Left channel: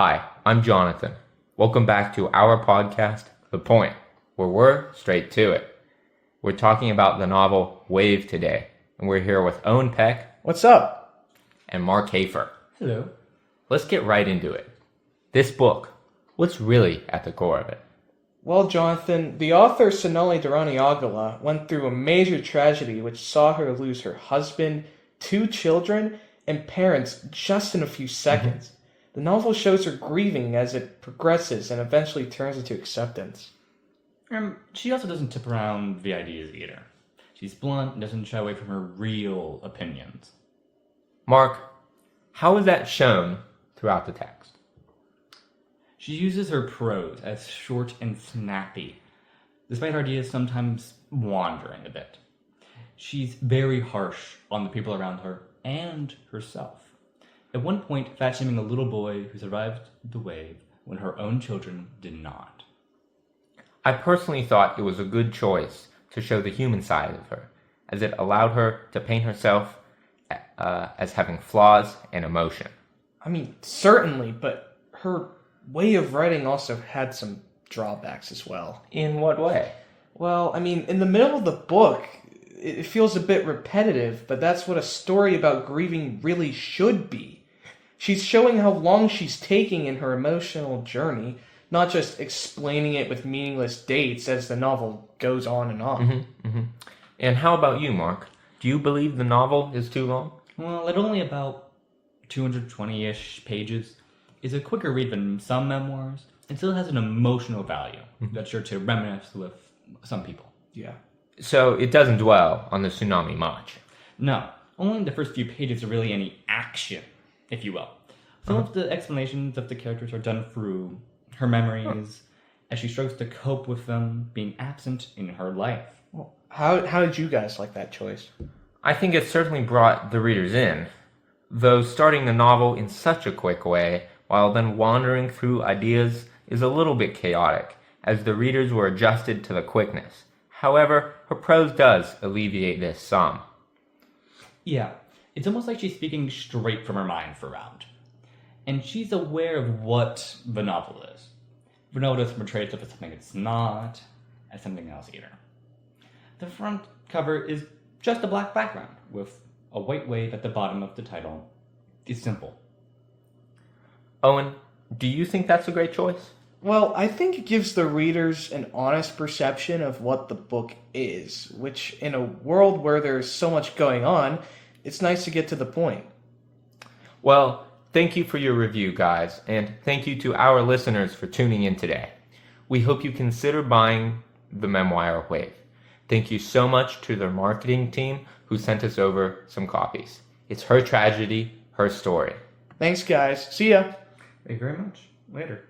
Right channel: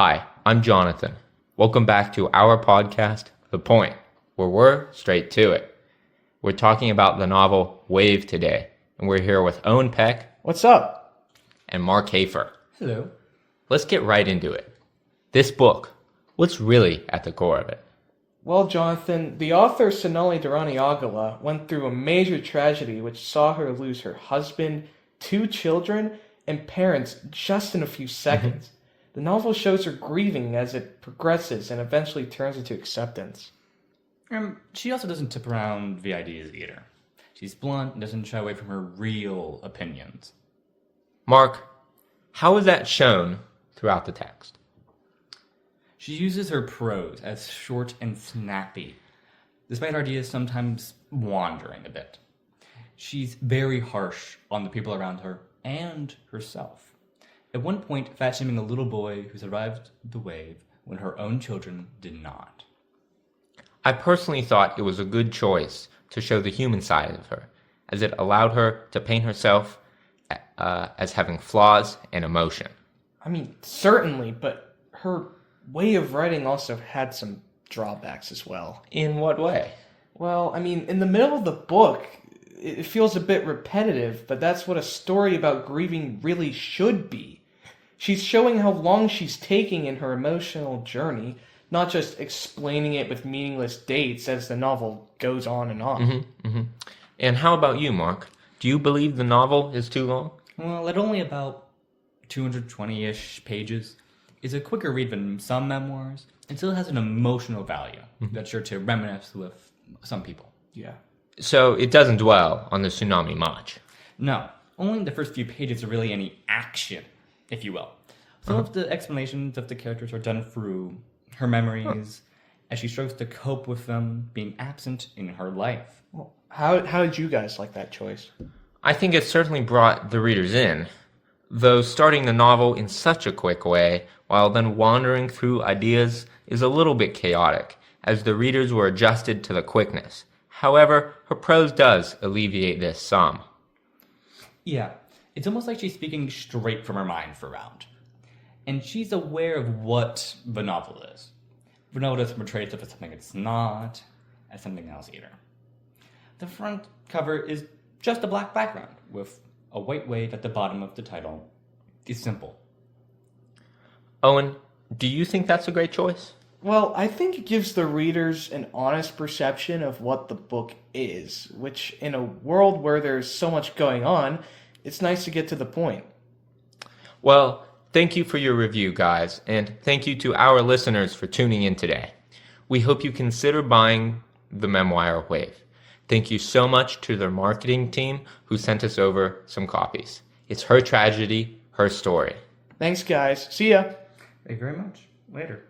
Hi, I'm Jonathan. Welcome back to our podcast, The Point, where we're straight to it. We're talking about the novel Wave today, and we're here with Owen Peck. What's up? And Mark Hafer. Hello. Let's get right into it. This book, what's really at the core of it? Well, Jonathan, the author Sonali Deraniyagala went through a major tragedy which saw her lose her husband, 2 children, and parents just in a few seconds. The novel shows her grieving as it progresses and eventually turns into acceptance. She also doesn't tip around the ideas either. She's blunt and doesn't shy away from her real opinions. Mark, how is that shown throughout the text? She uses her prose as short and snappy, despite her ideas sometimes wandering a bit. She's very harsh on the people around her and herself. At one point, fat-shaming a little boy who survived the wave when her own children did not. I personally thought it was a good choice to show the human side of her, as it allowed her to paint herself as having flaws and emotion. I mean, certainly, but her way of writing also had some drawbacks as well. In what way? Well, I mean, in the middle of the book, it feels a bit repetitive, but that's what a story about grieving really should be. She's showing how long she's taking in her emotional journey, not just explaining it with meaningless dates as the novel goes on and on. And how about you, Mark? Do you believe the novel is too long? Well, at only about 220-ish pages, is a quicker read than some memoirs, and still has an emotional value that's sure to reminisce with some people. Yeah. So it doesn't dwell on the tsunami much. No, only the first few pages are really any action, if you will. Some of the explanations of the characters are done through her memories, as she struggles to cope with them being absent in her life. Well, how did you guys like that choice? I think it certainly brought the readers in, though starting the novel in such a quick way, while then wandering through ideas, is a little bit chaotic, as the readers were adjusted to the quickness. However, her prose does alleviate this some. Yeah, it's almost like she's speaking straight from her mind throughout. And she's aware of what the novel is. The novel doesn't portray it as something it's not, as something else either. The front cover is just a black background, with a white wave at the bottom of the title. It's simple. Owen, do you think that's a great choice? Well, I think it gives the readers an honest perception of what the book is, which in a world where there's so much going on, it's nice to get to the point. Well, thank you for your review, guys, and thank you to our listeners for tuning in today. We hope you consider buying the memoir Wave. Thank you so much to their marketing team who sent us over some copies. It's her tragedy, her story. Thanks, guys. See ya. Thank you very much. Later.